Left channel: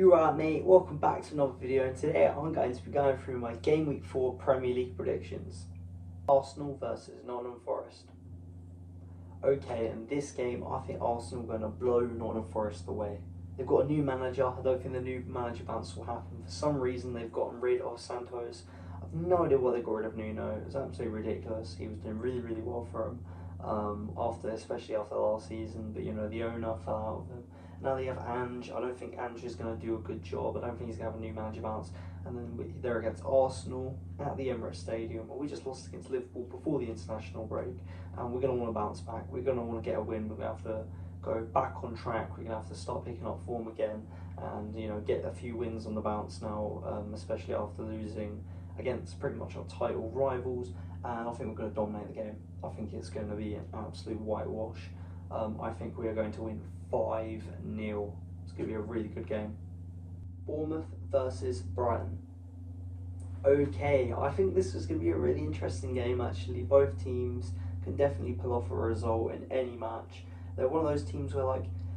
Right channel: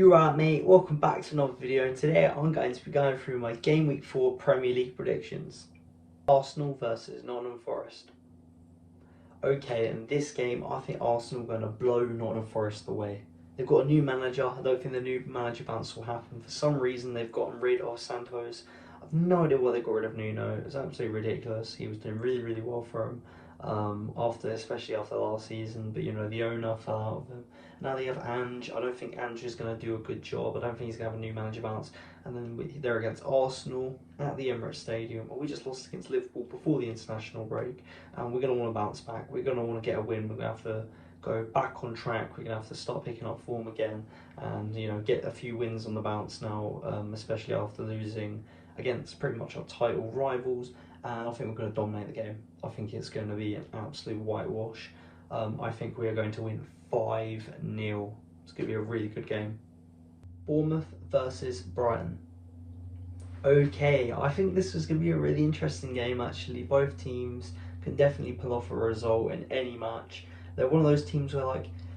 You right, mate? Welcome back to another video, and today I'm going to be going through my Game Week 4 Premier League predictions. Arsenal versus Nottingham Forest. Okay, in this game I think Arsenal are going to blow Nottingham Forest away. They've got a new manager. I don't think the new manager bounce will happen. For some reason they've gotten rid of Santos. I've no idea why they got rid of Nuno. It's absolutely ridiculous. He was doing really well for them especially after last season, but the owner fell out of him. Now they have Ange. I don't think Ange is going to do a good job. I don't think he's going to have a new manager bounce. And then they're against Arsenal at the Emirates Stadium. We just lost against Liverpool before the international break. And we're going to want to bounce back. We're going to want to get a win. We're going to have to go back on track. We're going to have to start picking up form again and get a few wins on the bounce now, especially after losing against pretty much our title rivals. And I think we're going to dominate the game. I think it's going to be an absolute whitewash. I think we are going to win 5-0. It's going to be a really good game. Bournemouth versus Brighton. Okay, I think this is going to be a really interesting game actually. Both teams can definitely pull off a result in any match. They're one of those teams where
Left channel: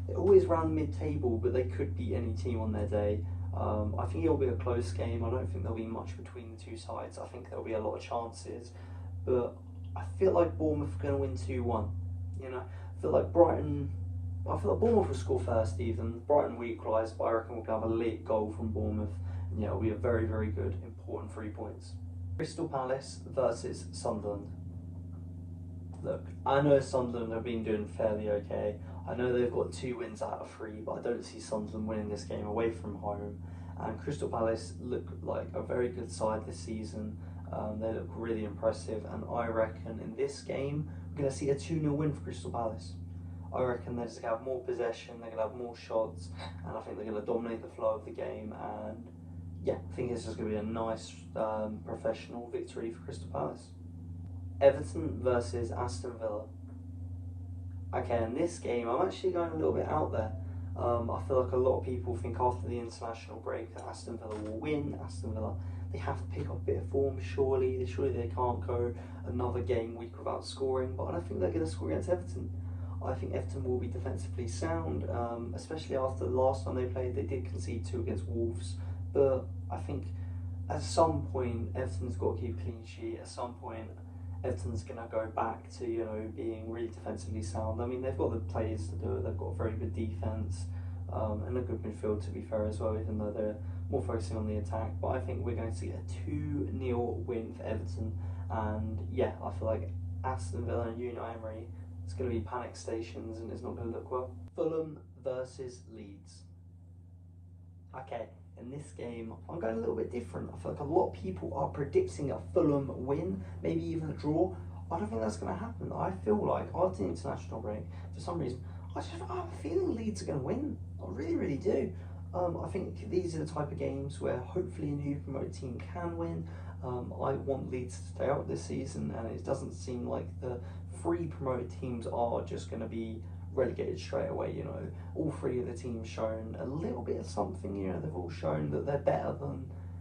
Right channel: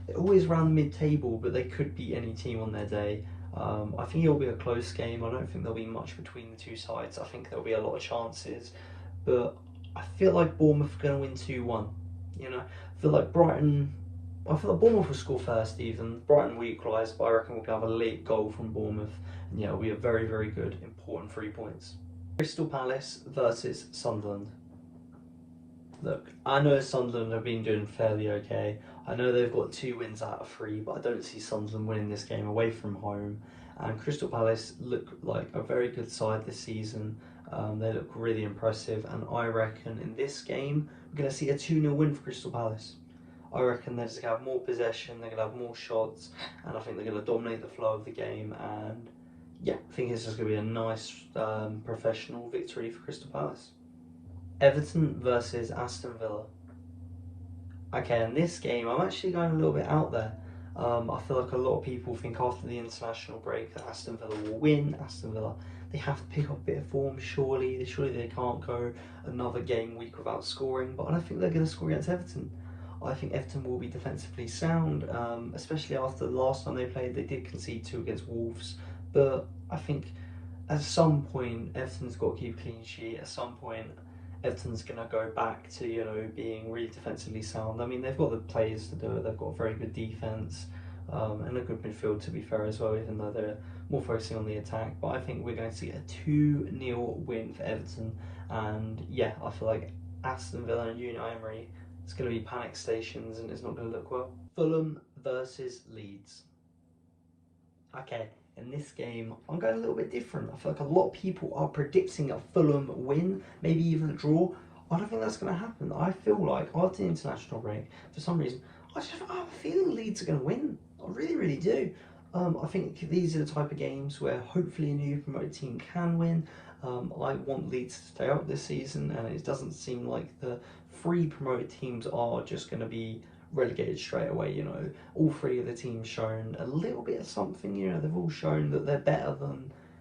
they're always around mid-table, but they could beat any team on their day. I think it'll be a close game. I don't think there'll be much between the two sides. I think there'll be a lot of chances, but I feel like Bournemouth are going to win 2-1. I feel like Bournemouth will score first even. Brighton will equalise, but I reckon we'll have a late goal from Bournemouth. And it'll be a very good, important 3 points. Crystal Palace versus Sunderland. Look, I know Sunderland have been doing fairly okay. I know they've got 2 wins out of 3, but I don't see Sunderland winning this game away from home. And Crystal Palace look like a very good side this season. They look really impressive, and I reckon in this game we're going to see a 2-0 win for Crystal Palace. I reckon they're just going to have more possession, they're going to have more shots, and I think they're going to dominate the flow of the game. And yeah, I think it's just going to be a nice professional victory for Crystal Palace. Everton versus Aston Villa. Okay, in this game I'm actually going a little bit out there. I feel like a lot of people think after the international break that Aston Villa will win. Aston Villa, they have to pick up a bit of form, surely they can't go another game week without scoring, but I don't think they're going to score against Everton. I think Everton will be defensively sound, especially after the last time they played. They did concede 2 against Wolves, but I think at some point Everton's got to keep a clean sheet. At some point Everton's going to go back to being really defensively sound. I mean, they've got the players to do it. They've got a very good defence and a good midfield, to be fair, as well, even though they're more focusing on the attack. But I think we're going to see a 2-0 win for Everton. And yeah, I feel like Aston Villa and Unai Emery, it's going to be panic stations and it's not going to look well. Fulham versus Leeds. Okay, in this game, I'm going a little bit different. I feel like a lot of people are predicting a Fulham win, maybe even a draw. I don't think that's going to happen. I feel like after the international break, for some reason, I have a feeling Leeds are going to win. I really do. I think these are the type of games where hopefully a new promoted team can win. I want Leeds to stay out this season, and it doesn't seem like the 3 promoted teams are just going to be relegated straight away. All 3 of the teams shown a little bit of something. They've all shown that they're better than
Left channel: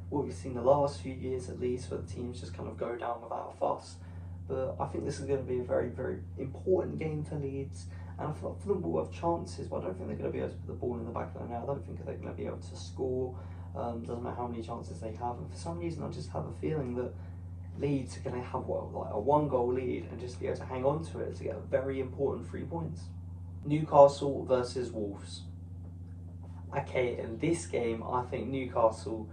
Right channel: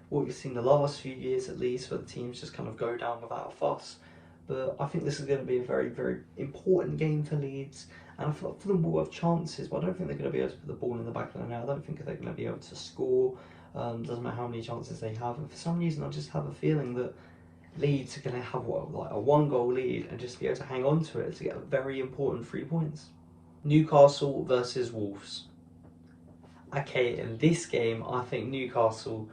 what we've seen the last few years, at least, where the teams just kind of go down without a fuss. But I think this is going to be a very important game for Leeds, and I feel like Fulham will have chances, but I don't think they're going to be able to put the ball in the back of the net. I don't think they're going to be able to score. Doesn't matter how many chances they have, and for some reason I just have a feeling that Leeds are going to have a 1-goal lead and just be able to hang on to it to get a very important 3 points. Newcastle versus Wolves. Okay, in this game, I think Newcastle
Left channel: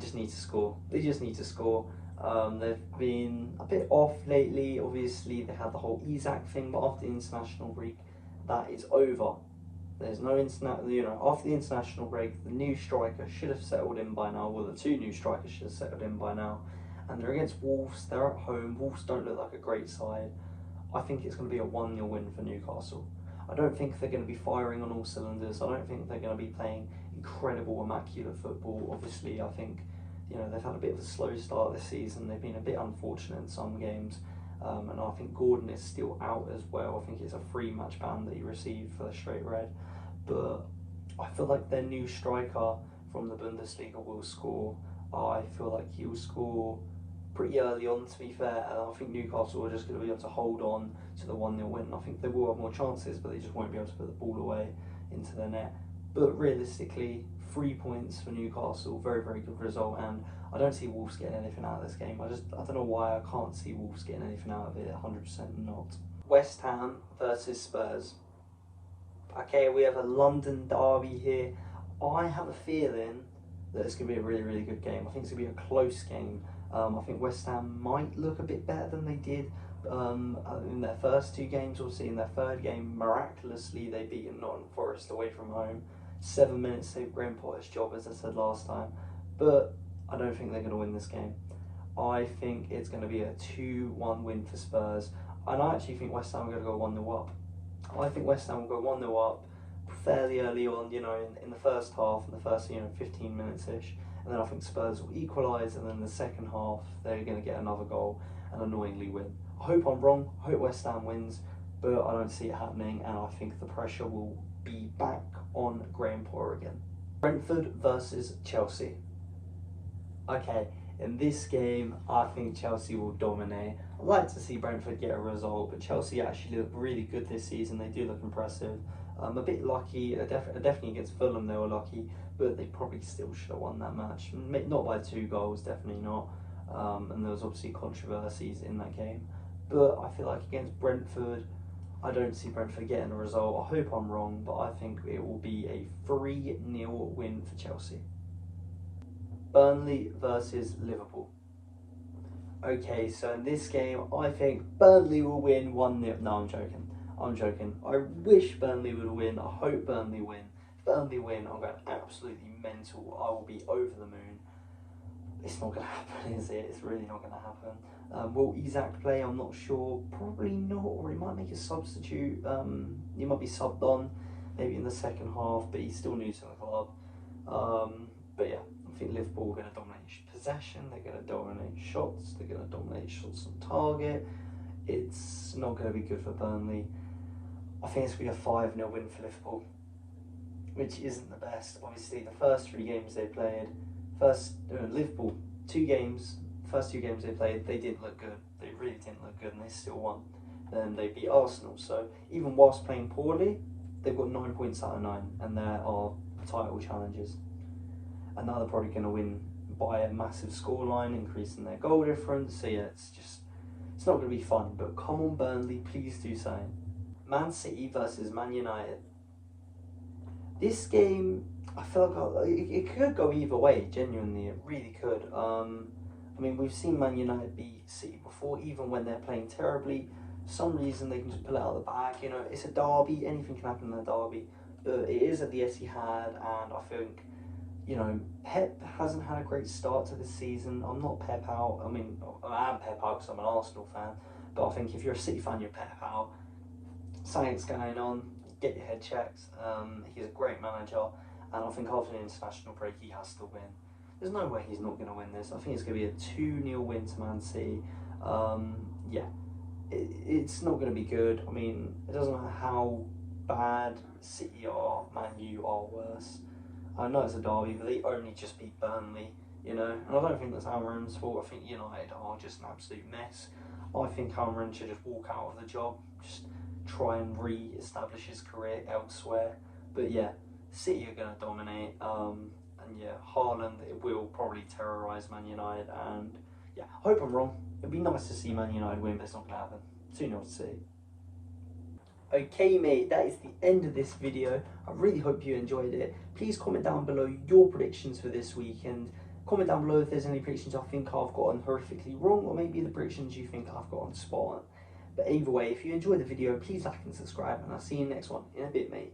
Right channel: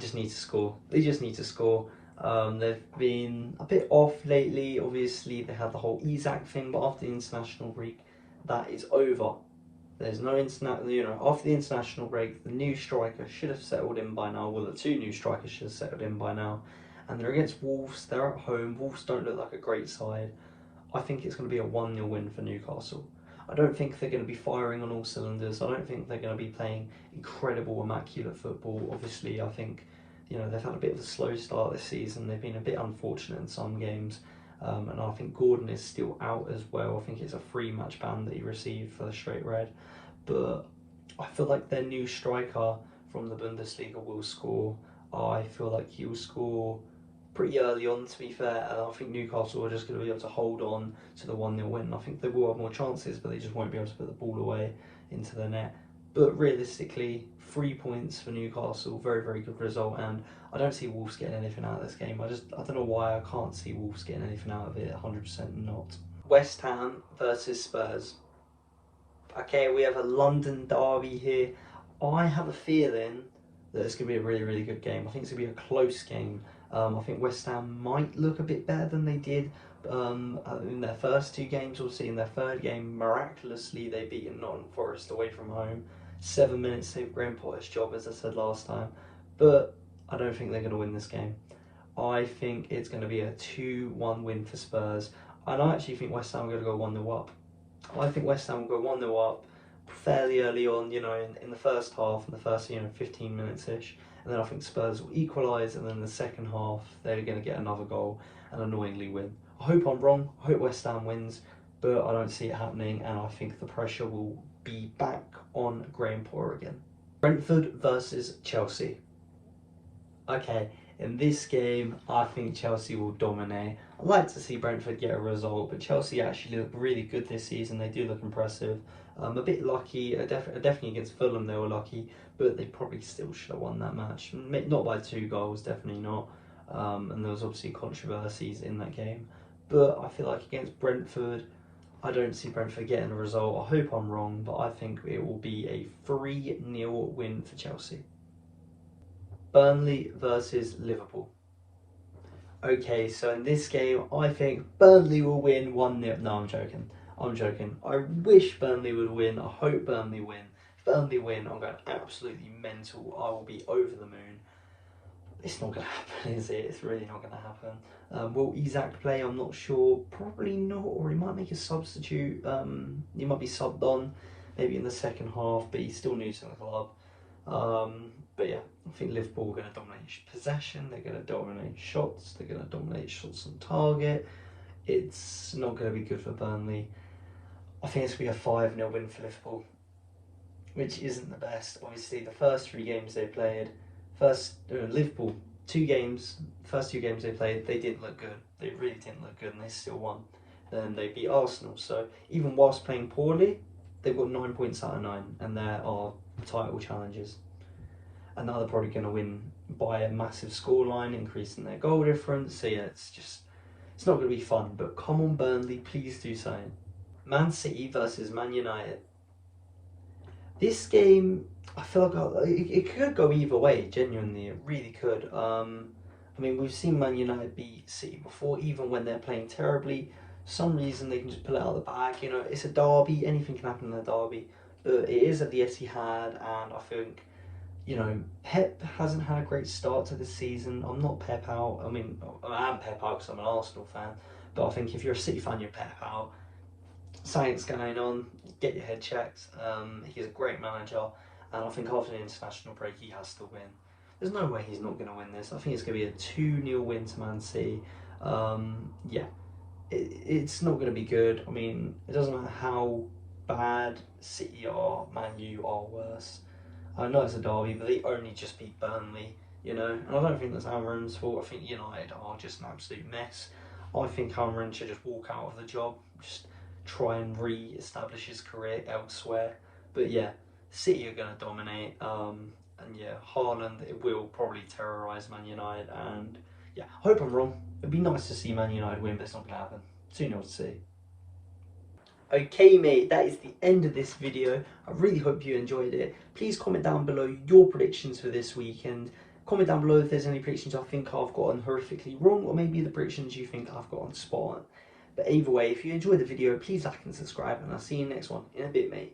just need to score. They just need to score. They've been a bit off lately. Obviously, they had the whole Isak thing, but after the international break, that is over. There's no after the international break, the new striker should have settled in by now. Well, the 2 new strikers should have settled in by now. And they're against Wolves. They're at home. Wolves don't look like a great side. I think it's going to be a 1-0 win for Newcastle. I don't think they're going to be firing on all cylinders. I don't think they're going to be playing incredible, immaculate football. Obviously, I think they've had a bit of a slow start this season. They've been a bit unfortunate in some games, and I think Gordon is still out as well. I think it's a 3-match ban that he received for the straight red. But I feel like their new striker from the Bundesliga will score. I feel like he'll score pretty early on, to be fair, and I think Newcastle are just going to be able to hold on to the 1-0 win. I think they will have more chances, but they just won't be able to put the ball away into the net. But realistically, 3 points for Newcastle, very, very good result. And I don't see Wolves getting anything out of this game. I don't know why I can't see Wolves getting anything out of it. 100% not. West Ham versus Spurs. Okay, we have a London derby here. I have a feeling that it's going to be a really, really good game. I think it's going to be a close game. I think West Ham might look a bit better than they did in their first 2 games. Obviously, in their third game, miraculously, they beat Nottingham Forest away from home. 7 minutes saved Graham Potter's job, as I said last time. But I don't think they're going to win this game. I think it's going to be a 2-1 win for Spurs. And I actually think West Ham are going to go 1-0 up. I think West Ham will go 1-0 up fairly early on, in the first half, in the first 15 minutes-ish. And then I think Spurs will equalise, and then in the second half, they're going to get another goal and annoyingly win. I hope I'm wrong. I hope West Ham wins, but I don't see it happening, and I think the pressure will be back on Graham Potter again. Brentford versus Chelsea. Okay, in this game, I think Chelsea will dominate. I'd like to see Brentford get a result, but Chelsea actually look really good this season. They do look impressive. A bit lucky, definitely against Fulham they were lucky, but they probably still should have won that match. Not by 2 goals, definitely not. And there was obviously controversies in that game. But I feel like against Brentford, I don't see Brentford getting a result. I hope I'm wrong, but I think it will be a 3-0 win for Chelsea. Burnley versus Liverpool. Okay, so in this game, I think Burnley will win 1-0. No, I'm joking. I wish Burnley would win. I hope Burnley win. If Burnley win, I'm going absolutely mental. I will be over the moon. It's not going to happen, is it? It's really not going to happen. Will Isak play? I'm not sure. Probably not, or he might make a substitute. He might be subbed on, maybe in the second half, but he's still new to the club. But yeah, I think Liverpool are going to dominate possession. They're going to dominate shots. They're going to dominate shots on target. It's not going to be good for Burnley. I think it's going to be a 5-0 win for Liverpool, which isn't the best. Obviously, the first 3 games they played, Liverpool, 2 games, first 2 games they played, they didn't look good. They really didn't look good, and they still won. Then they beat Arsenal. So even whilst playing poorly, they've got 9 points out of 9, and there are title challenges. And now they're probably going to win by a massive scoreline, increasing their goal difference. So yeah, it's not going to be fun. But come on, Burnley, please do something. Man City versus Man United. This game, I feel like it could go either way, genuinely, it really could. I mean, we've seen Man United beat City before, even when they're playing terribly. For some reason, they can just pull it out of the bag. It's a derby, anything can happen in a derby. But it is at the Etihad, and I think, Pep hasn't had a great start to this season. I'm not Pep out. I mean, I am Pep out because I'm an Arsenal fan. But I think if you're a City fan, you're Pep out. Something's going on, get your head checked. He's a great manager, and I think after the international break he has to win. There's no way he's not going to win this. I think it's going to be a 2-0 win to Man City. Yeah, it's not going to be good. I mean, it doesn't matter how bad City are, Man U are worse. I know it's a derby, but they only just beat Burnley, and I don't think that's Amorim's fault. I think United are just an absolute mess. I think Amorim should just walk out of the job, just try and re-establish his career elsewhere. But yeah, City are going to dominate, and yeah, Haaland, it will probably terrorise Man United, and yeah, I hope I'm wrong. It'd be nice to see Man United win, but it's not going to happen. 2-0 to City. Okay mate, that is the end of this video. I really hope you enjoyed it. Please comment down below your predictions for this weekend. Comment down below if there's any predictions I think I've gotten horrifically wrong, or maybe the predictions you think I've gotten spot on. But either way, if you enjoyed the video, please like and subscribe, and I'll see you in the next one in a bit, mate.